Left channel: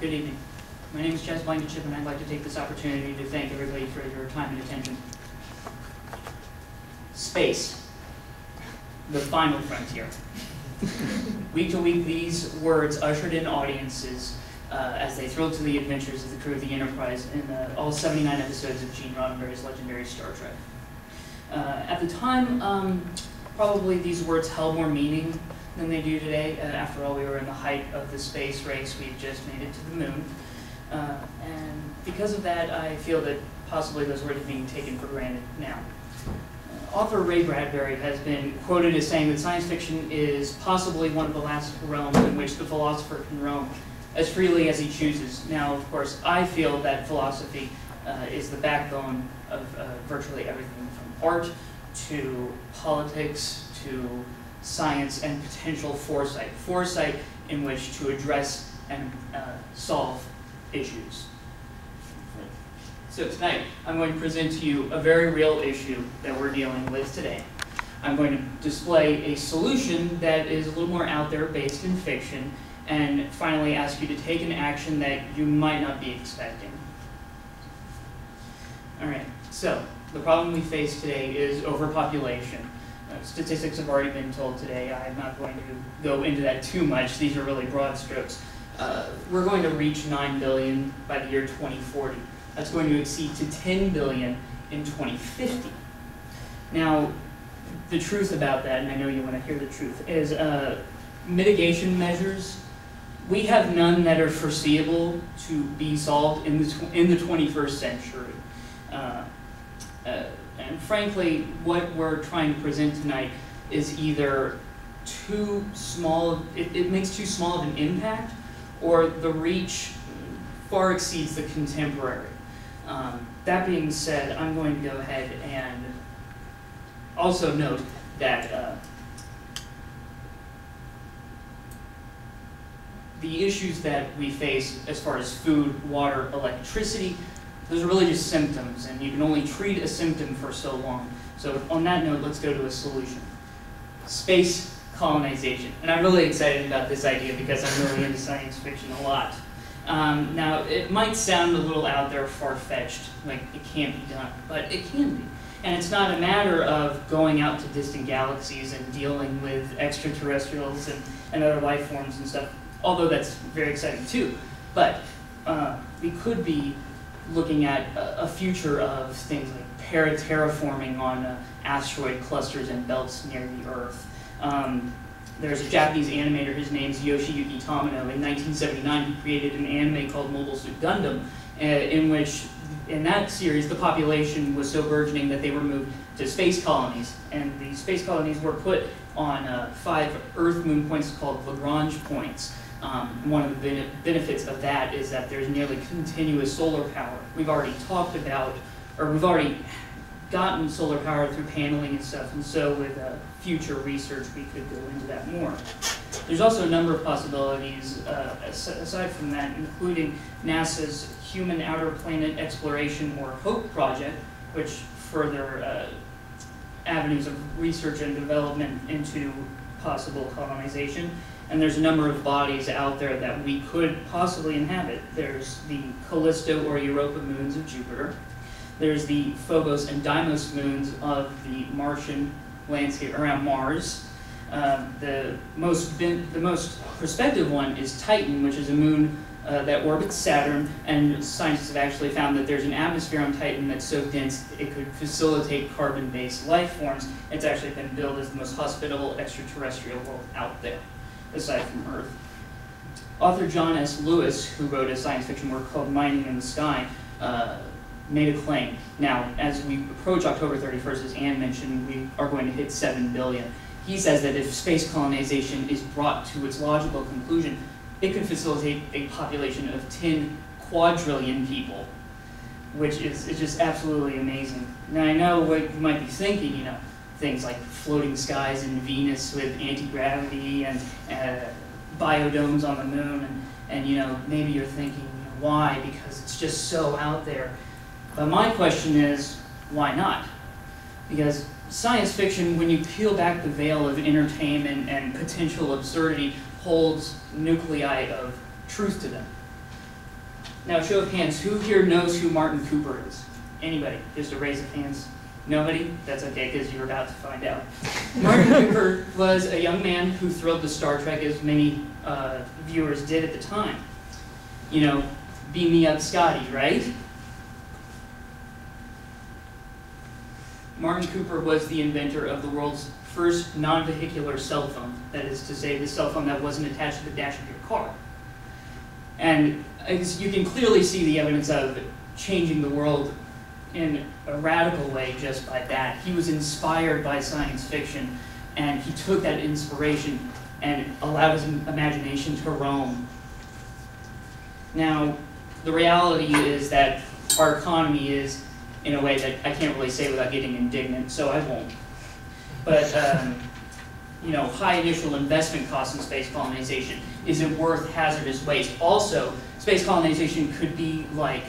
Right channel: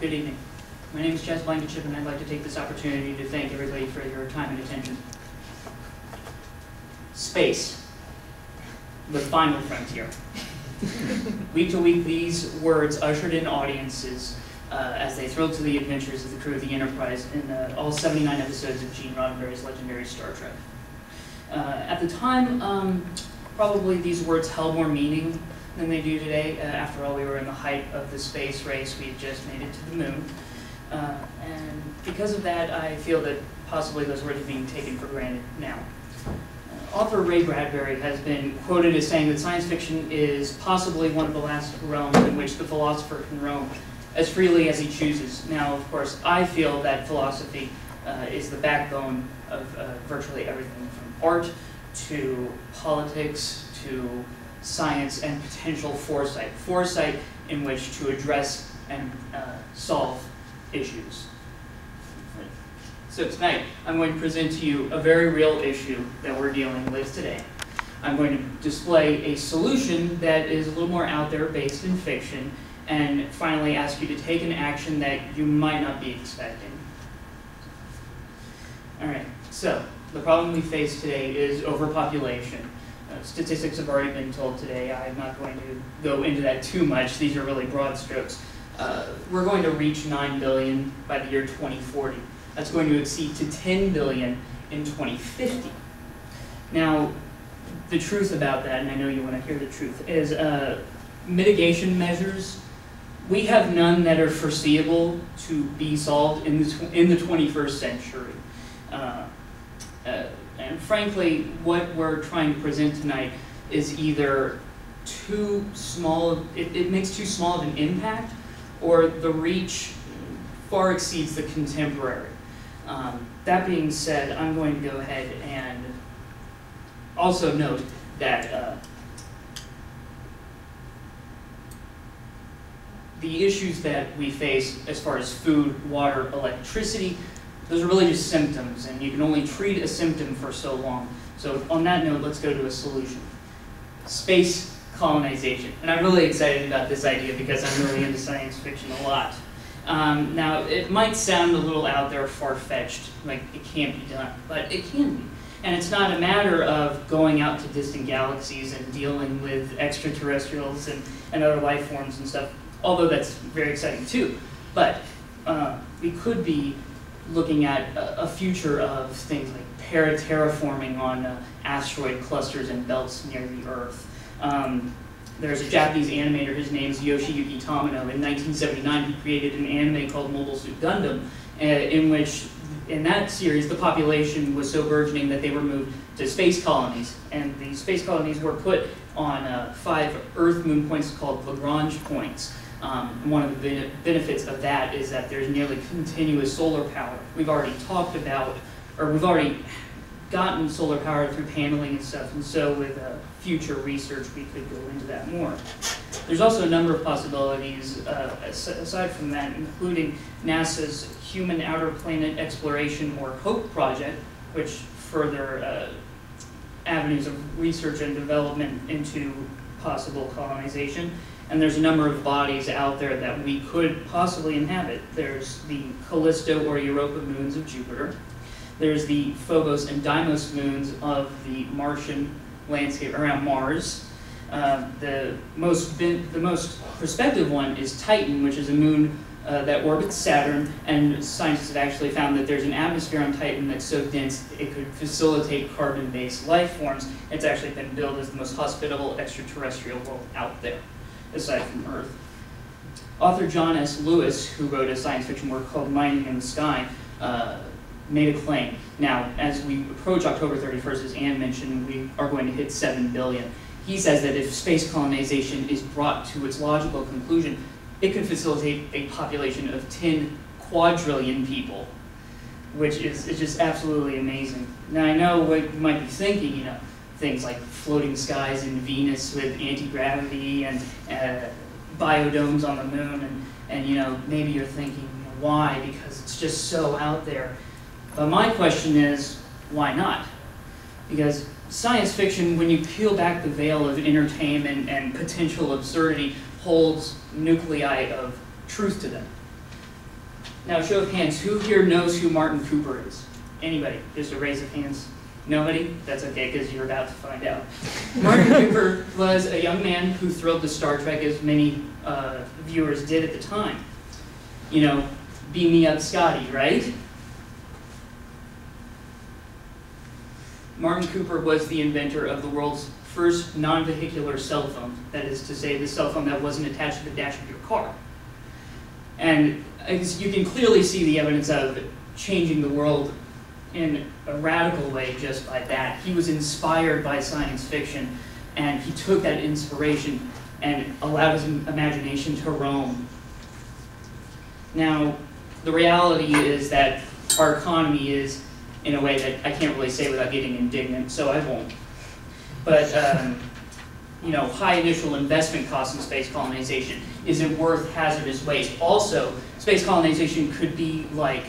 Good evening. My name is Blankenship, and I'd like to take this opportunity to thank everybody for your time and attention. Space, the final frontier. Week to week, these words ushered in audiences as they thrilled to the adventures of the crew of the Enterprise in all 79 episodes of Gene Roddenberry's legendary Star Trek. At the time, probably these words held more meaning than they do today. After all, we were in the height of the space race. We had just made it to the moon. And because of that, I feel that possibly those words are being taken for granted now. Author Ray Bradbury has been quoted as saying that science fiction is possibly one of the last realms in which the philosopher can roam as freely as he chooses. Now, of course, I feel that philosophy is the backbone of virtually everything from art to politics to science and potential foresight. Foresight in which to address and solve issues. So tonight, I'm going to present to you a very real issue that we're dealing with today. I'm going to display a solution that is a little more out there, based in fiction, and finally ask you to take an action that you might not be expecting. All right, so the problem we face today is overpopulation. Statistics have already been told today. I'm not going to go into that too much. These are really broad strokes. We're going to reach 9 billion by the year 2040. That's going to exceed to 10 billion in 2050. Now, the truth about that, and I know you want to hear the truth, is mitigation measures. We have none that are foreseeable to be solved in the 21st century. And frankly, what we're trying to present tonight is either too small, it makes too small of an impact, or the reach far exceeds the contemporary. That being said, I'm going to go ahead and also note that the issues that we face as far as food, water, electricity, those are really just symptoms, and you can only treat a symptom for so long. So on that note, let's go to a solution. Space colonization. And I'm really excited about this idea because I'm really into science fiction a lot. Now, it might sound a little out there, far-fetched, like it can't be done, but it can be. And it's not a matter of going out to distant galaxies and dealing with extraterrestrials and other life forms and stuff, although that's very exciting too. But we could be looking at a future of things like terraforming on asteroid clusters and belts near the Earth. There's a Japanese animator, his name's Yoshiyuki Tamino. In 1979, he created an anime called Mobile Suit Gundam, in which, in that series, the population was so burgeoning that they were moved to space colonies. And these space colonies were put on 5 Earth-Moon points called Lagrange points. And one of the benefits of that is that there's nearly continuous solar power. We've already talked about, or we've already gotten solar power through paneling and stuff, and so with future research we could go into that more. There's also a number of possibilities aside from that, including NASA's Human Outer Planet Exploration, or HOPE project, which further avenues of research and development into possible colonization. And there's a number of bodies out there that we could possibly inhabit. There's the Callisto or Europa moons of Jupiter. There's the Phobos and Deimos moons of the Martian landscape around Mars. The most prospective one is Titan, which is a moon that orbits Saturn, and scientists have actually found that there's an atmosphere on Titan that's so dense it could facilitate carbon-based life forms. It's actually been billed as the most hospitable extraterrestrial world out there, aside from Earth. Author John S. Lewis, who wrote a science fiction work called Mining in the Sky, made a claim. Now, as we approach October 31st, as Anne mentioned, we are going to hit 7 billion. He says that if space colonization is brought to its logical conclusion, it could facilitate a population of 10 quadrillion people, which is just absolutely amazing. Now, I know what you might be thinking, you know, things like floating skies in Venus with anti-gravity and biodomes on the moon, and you know, maybe you're thinking, you know, why? Because it's just so out there. But my question is, why not? Because science fiction, when you peel back the veil of entertainment and potential absurdity, holds nuclei of truth to them. Now, show of hands, who here knows who Martin Cooper is? Anybody? Just a raise of hands. Nobody? That's okay, because you're about to find out. Martin Cooper was a young man who thrilled to Star Trek, as many viewers did at the time. You know, beam me up Scotty, right? Martin Cooper was the inventor of the world's first non-vehicular cell phone. That is to say, the cell phone that wasn't attached to the dash of your car. And you can clearly see the evidence of changing the world in a radical way just by that. He was inspired by science fiction, and he took that inspiration and allowed his imagination to roam. Now, the reality is that our economy is in a way that I can't really say without getting indignant, so I won't. But, you know, high initial investment costs in space colonization. Is it worth hazardous waste? Also, space colonization could be like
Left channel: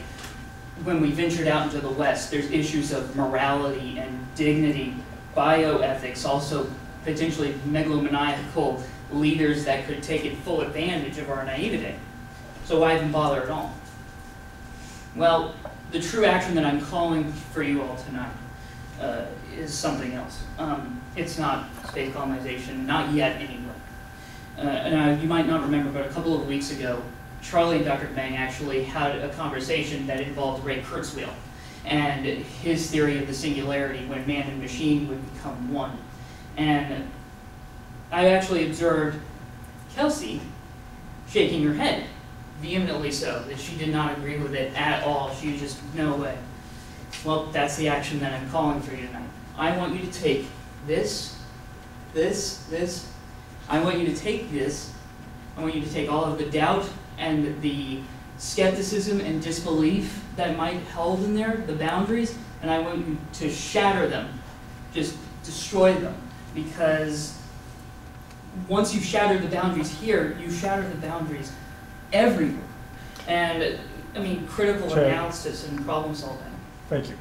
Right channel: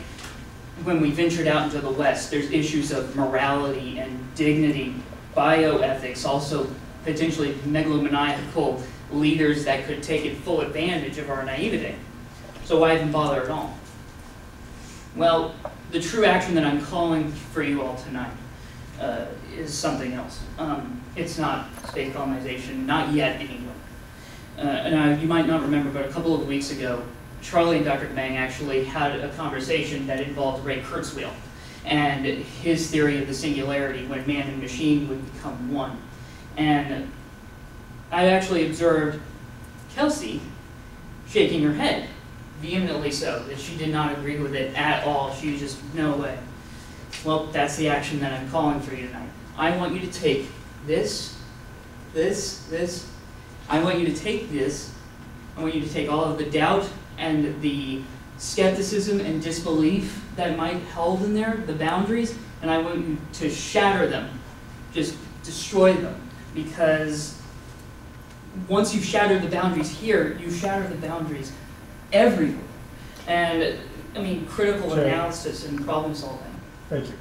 when we ventured out into the West, there's issues of morality and dignity, bioethics, also potentially megalomaniacal leaders that could take full advantage of our naivete. So why even bother at all? Well, the true action that I'm calling for you all tonight is something else. It's not space colonization, not yet anyway. And you might not remember, but a couple of weeks ago, Charlie and Dr. Bang actually had a conversation that involved Ray Kurzweil and his theory of the singularity when man and machine would become one. And I actually observed Kelsey shaking her head, vehemently so, that she did not agree with it at all. She was just, no way. Well, that's the action that I'm calling for you tonight. I want you to take this. I want you to take this. I want you to take all of the doubt and the skepticism and disbelief that might held in there, the boundaries, and I want you to shatter them. Just destroy them. Because once you've shattered the boundaries here, you shatter the boundaries everywhere. And, I mean, critical analysis and problem solving. Thank you.